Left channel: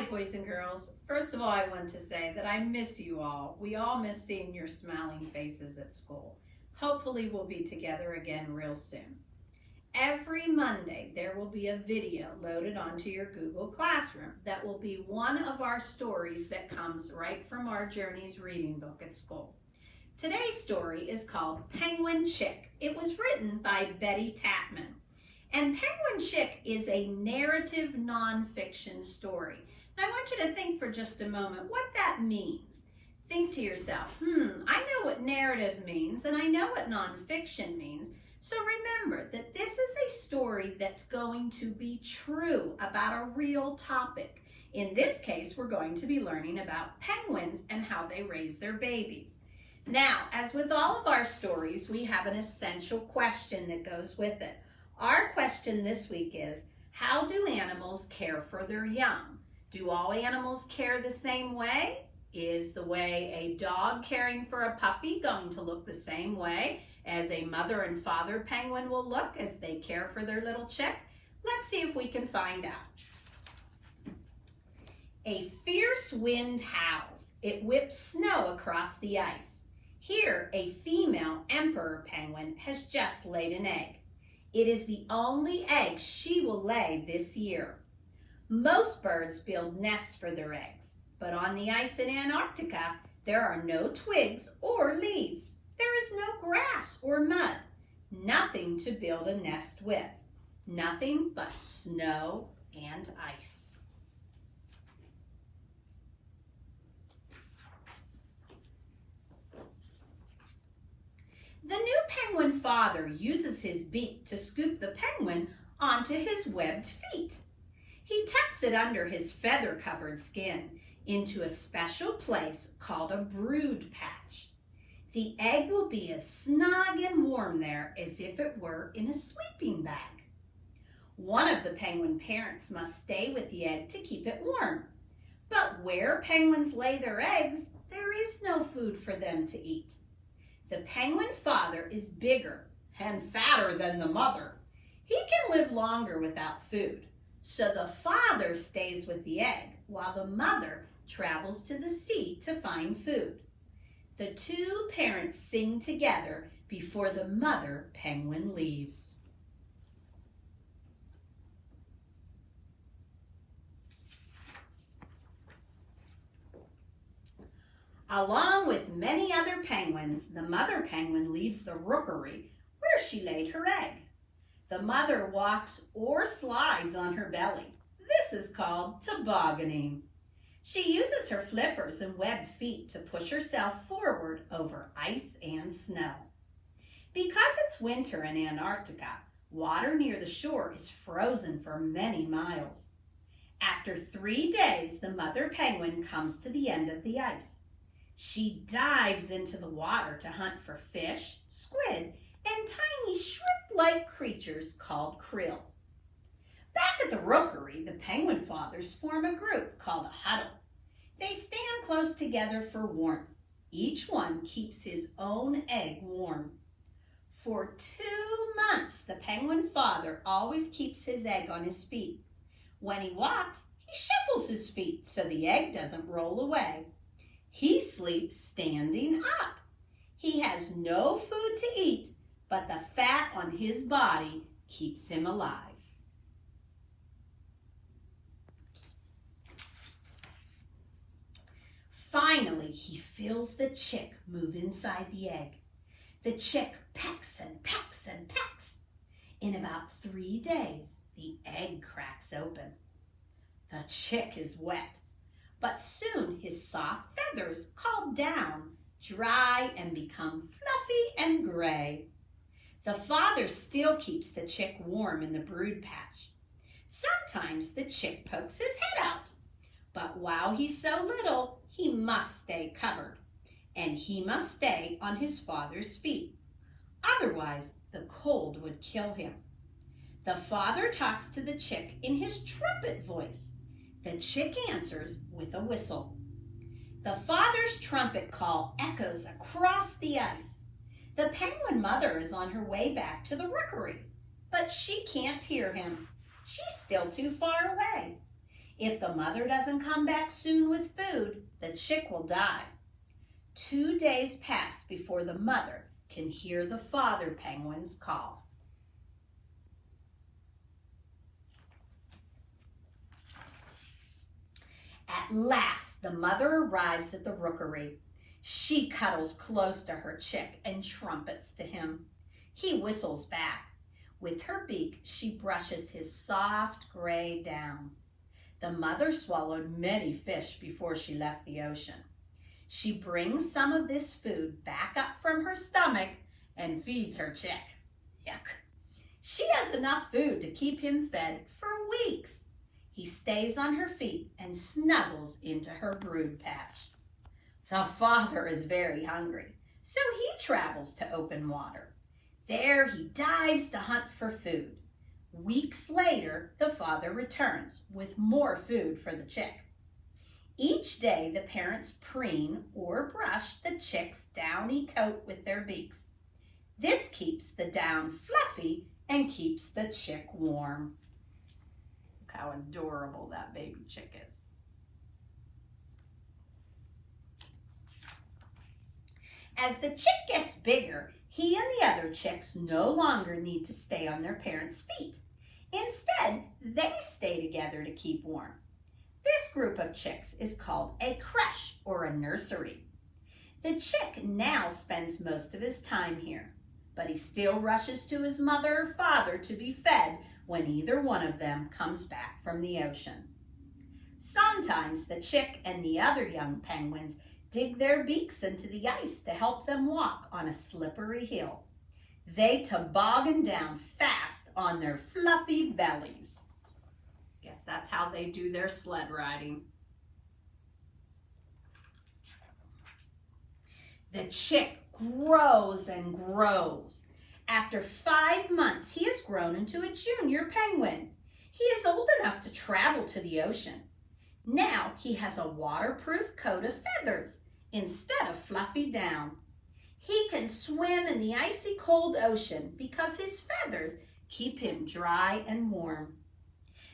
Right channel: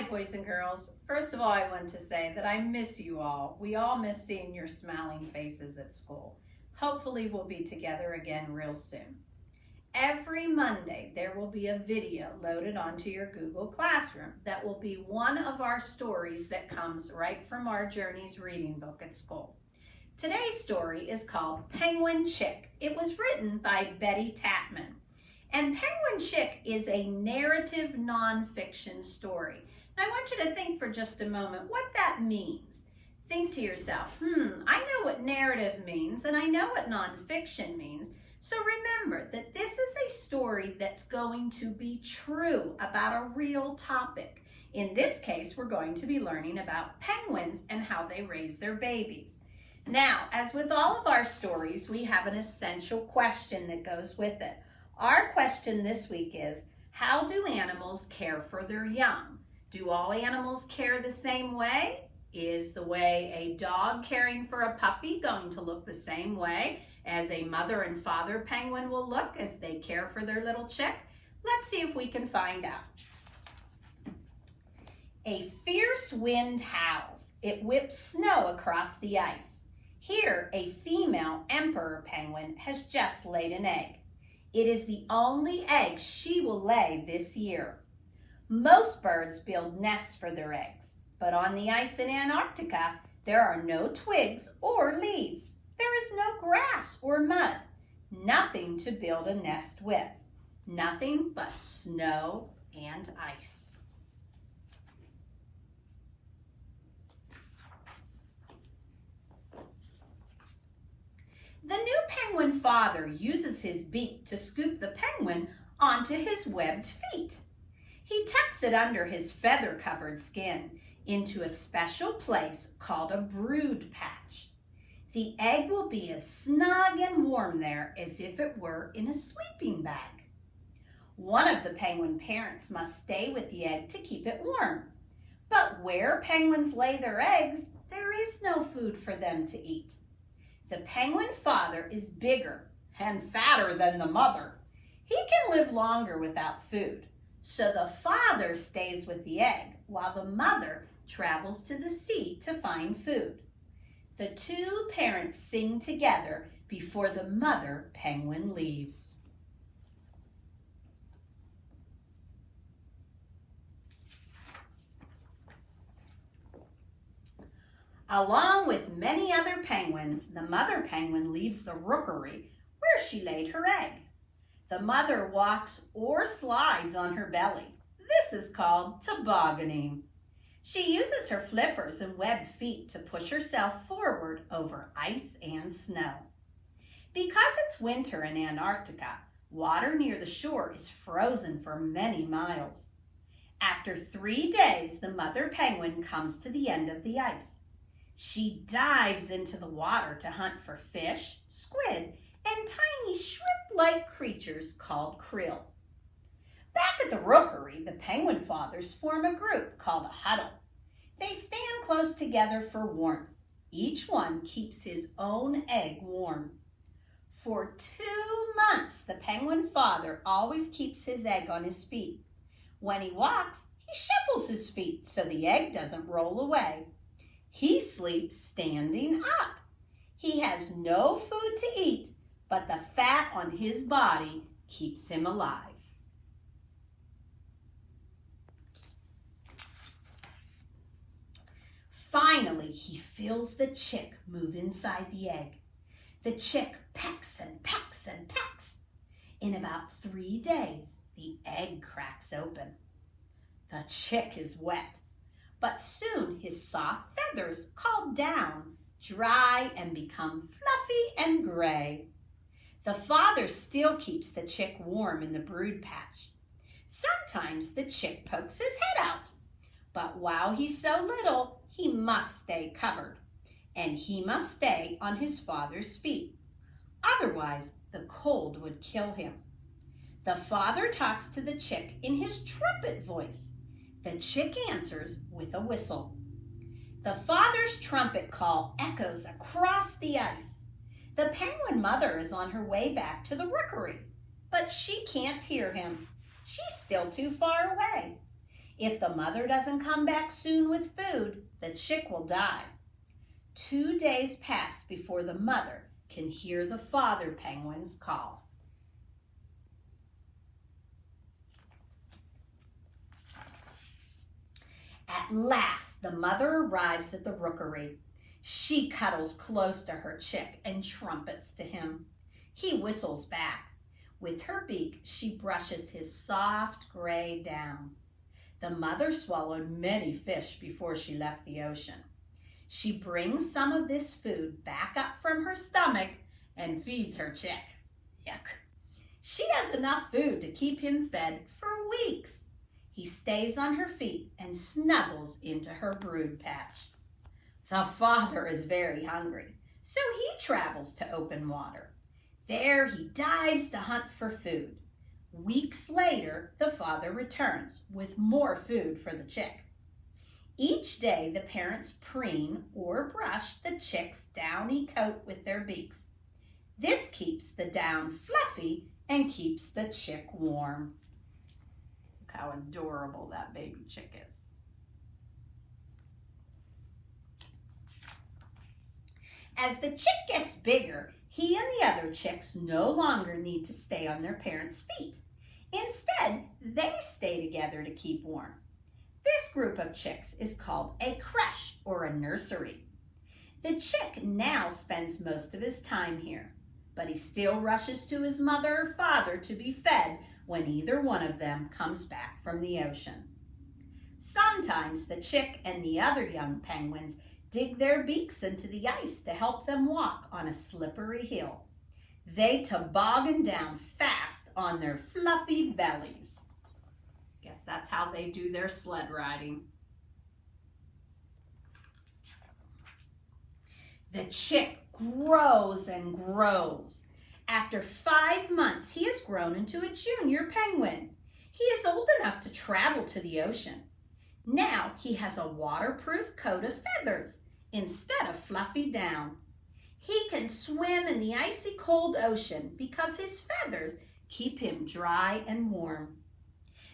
Hi, boys and girls. First of all, I want to say that I miss you all. We all miss seeing your smiling faces at school. Hopefully, we'll be together again real soon. Every Monday, there will be a video loaded onto your Google Classroom that will be one of our stories that comes right from our Journeys reading book at school. Today's story is called Penguin Chick. It was written by Betty Tatman. And Penguin Chick is a narrative nonfiction story. And I want you to think for just a moment what that means. Think to yourself, I know what narrative means and I know what nonfiction means. So remember that this is a story that's going to be true about a real topic. In this case, we're going to be learning about penguins and how they raise their babies. Now, as with all of our stories, we have an essential question that goes with it. Our question this week is, how do animals care for their young? Do all animals care the same way? Is the way a dog caring for a puppy going to look the same way as a mother and father penguin will look as they care for their little chick? Let's see if we can find out. A fierce wind howls. It whips snow across the ice. Here, a female emperor penguin has just laid an egg. It is the only egg she will lay this year. Most birds build nests for their eggs, but on the ice in Antarctica, there are no twigs or leaves. There is no grass or mud, nothing to build a nest with, nothing but snow and ice. The new penguin father uses his beak to scoop the penguin onto his webbed feet. He tucks it under his feather-covered skin into a special place called a brood patch. The egg will be as snug and warm there as if it were in a sleeping bag. One of the penguin parents must stay with the egg to keep it warm. But where penguins lay their eggs, there is no food for them to eat. The penguin father is bigger and fatter than the mother. He can live longer without food, so the father stays with the egg while the mother travels to the sea to find food. The two parents sing together before the mother penguin leaves. Along with many other penguins, the mother penguin leaves the rookery where she laid her egg. The mother walks or slides on her belly. This is called tobogganing. She uses her flippers and webbed feet to push herself forward over ice and snow. Because it's winter in Antarctica, water near the shore is frozen for many miles. After 3 days, the mother penguin comes to the end of the ice. She dives into the water to hunt for fish, squid, and tiny shrimp-like creatures called krill. Back at the rookery, the penguin fathers form a group called a huddle. They stand close together for warmth. Each one keeps his own egg warm. For 2 months, the penguin father always keeps his egg on his feet. When he walks, he shuffles his feet so the egg doesn't roll away. He sleeps standing up. He has no food to eat, but the fat on his body keeps him alive. Finally, he feels the chick move inside the egg. The chick pecks and pecks and pecks. In about 3 days, the egg cracks open. The chick is wet, but soon his soft feathers, called down, dry and become fluffy and gray. The father still keeps the chick warm in the brood patch. Sometimes the chick pokes his head out, but while he's so little, he must stay covered, and he must stay on his father's feet. Otherwise, the cold would kill him. The father talks to the chick in his trumpet voice. The chick answers with a whistle. The father's trumpet call echoes across the ice. The penguin mother is on her way back to the rookery, but she can't hear him. She's still too far away. If the mother doesn't come back soon with food, the chick will die. 2 days pass before the mother can hear the father penguin's call. At last, the mother arrives at the rookery. She cuddles close to her chick and trumpets to him. He whistles back. With her beak, she brushes his soft gray down. The mother swallowed many fish before she left the ocean. She brings some of this food back up from her stomach and feeds her chick. Yuck. She has enough food to keep him fed for weeks. He stays on her feet and snuggles into her brood patch. The father is very hungry, so he travels to open water. There he dives to hunt for food. Weeks later, the father returns with more food for the chick. Each day, the parents preen or brush the chick's downy coat with their beaks. This keeps the down fluffy and keeps the chick warm. Look how adorable that baby chick is. As the chick gets bigger, he and the other chicks no longer need to stay on their parents' feet. Instead, they stay together to keep warm. This group of chicks is called a creche or a nursery. The chick now spends most of his time here, but he still rushes to his mother or father to be fed when either one of them comes back from the ocean. Sometimes the chick and the other young penguins dig their beaks into the ice to help them walk on a slippery hill. They toboggan down fast on their fluffy bellies. Guess that's how they do their sled riding. The chick grows and grows. After 5 months, he has grown into a junior penguin. He is old enough to travel to the ocean. Now he has a waterproof coat of feathers instead of fluffy down. He can swim in the icy cold ocean because his feathers keep him dry and warm.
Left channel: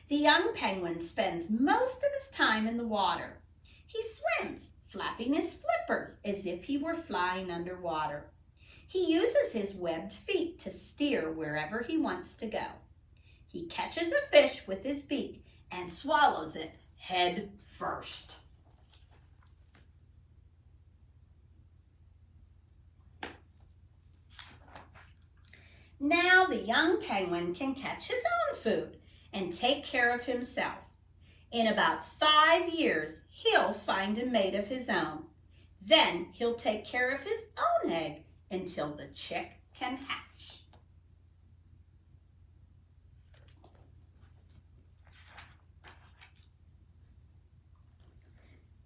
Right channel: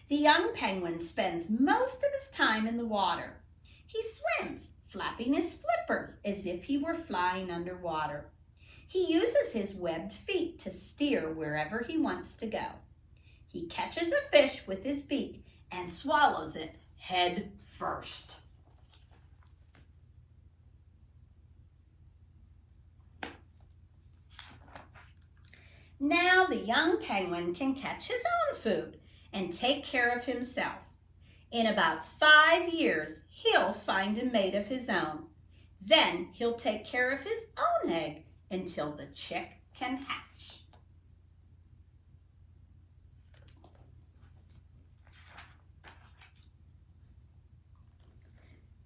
The young penguin spends most of his time in the water. He swims, flapping his flippers as if he were flying underwater. He uses his webbed feet to steer wherever he wants to go. He catches a fish with his beak and swallows it head first. Now the young penguin can catch his own food and take care of himself. In about 5 years, he'll find a mate of his own. Then he'll take care of his own egg until the chick can hatch.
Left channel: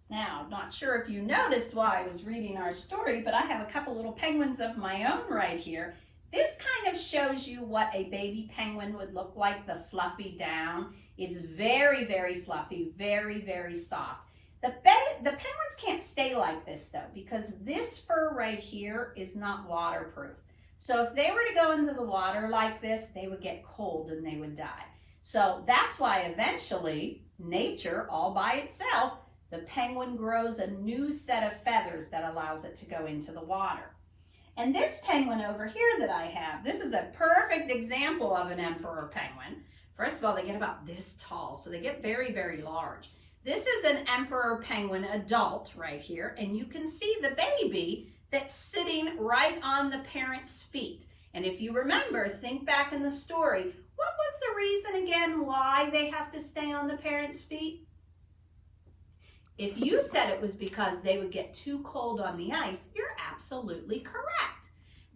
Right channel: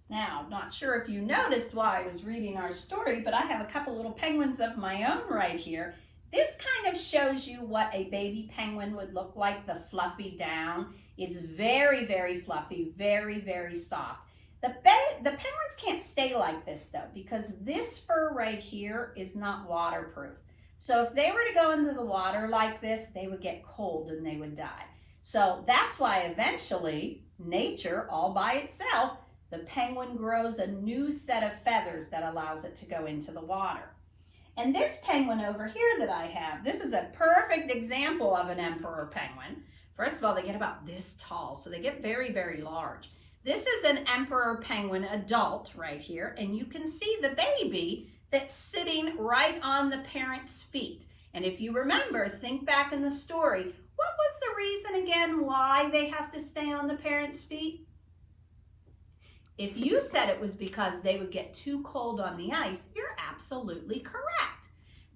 Now, I'm not sure if you noticed while I was reading our story, but I have a couple little penguins of my own right here. This kind of shows you what a baby penguin would look like, the fluffy down. It's very, very fluffy, very, very soft. The penguins can't stay like this though, because this fur right here is not waterproof. So if they were to go into the water like this, they would get cold and they would die. So that's why eventually nature, all by itself, the penguin grows a new set of feathers that allows it to go into the water. And this penguin over here that I have, this is a perfect example of an emperor penguin. First of all, they get about this tall, so they get very, very large. This is an emperor penguin adult right here, and you can see the baby that's sitting right on the parent's feet. And if you remember, think back in the story, what was the reason again why they have to stay on the parent's feet? If you said it was because they would get too cold on the ice, you're absolutely correct.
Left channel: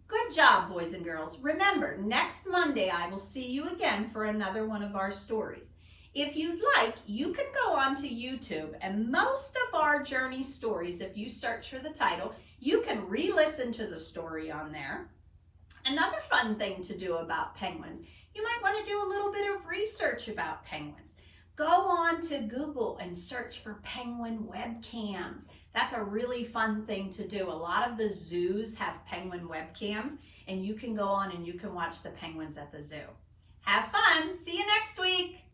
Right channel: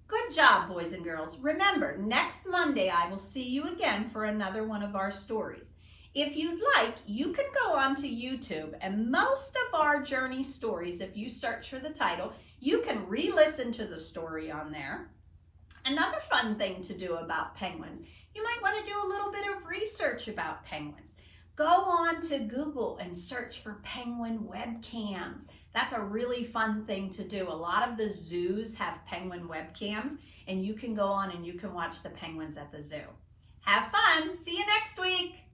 Good job, boys and girls. Remember, next Monday I will see you again for another one of our stories. If you'd like, you can go onto YouTube, and most of our journey stories, if you search for the title, you can re-listen to the story on there. Another fun thing to do about penguins, you might want to do a little bit of research about penguins. Go on to Google and search for penguin webcams. That's a really fun thing to do. A lot of the zoos have penguin webcams, and you can go on and you can watch the penguins at the zoo. Have fun. See you next week.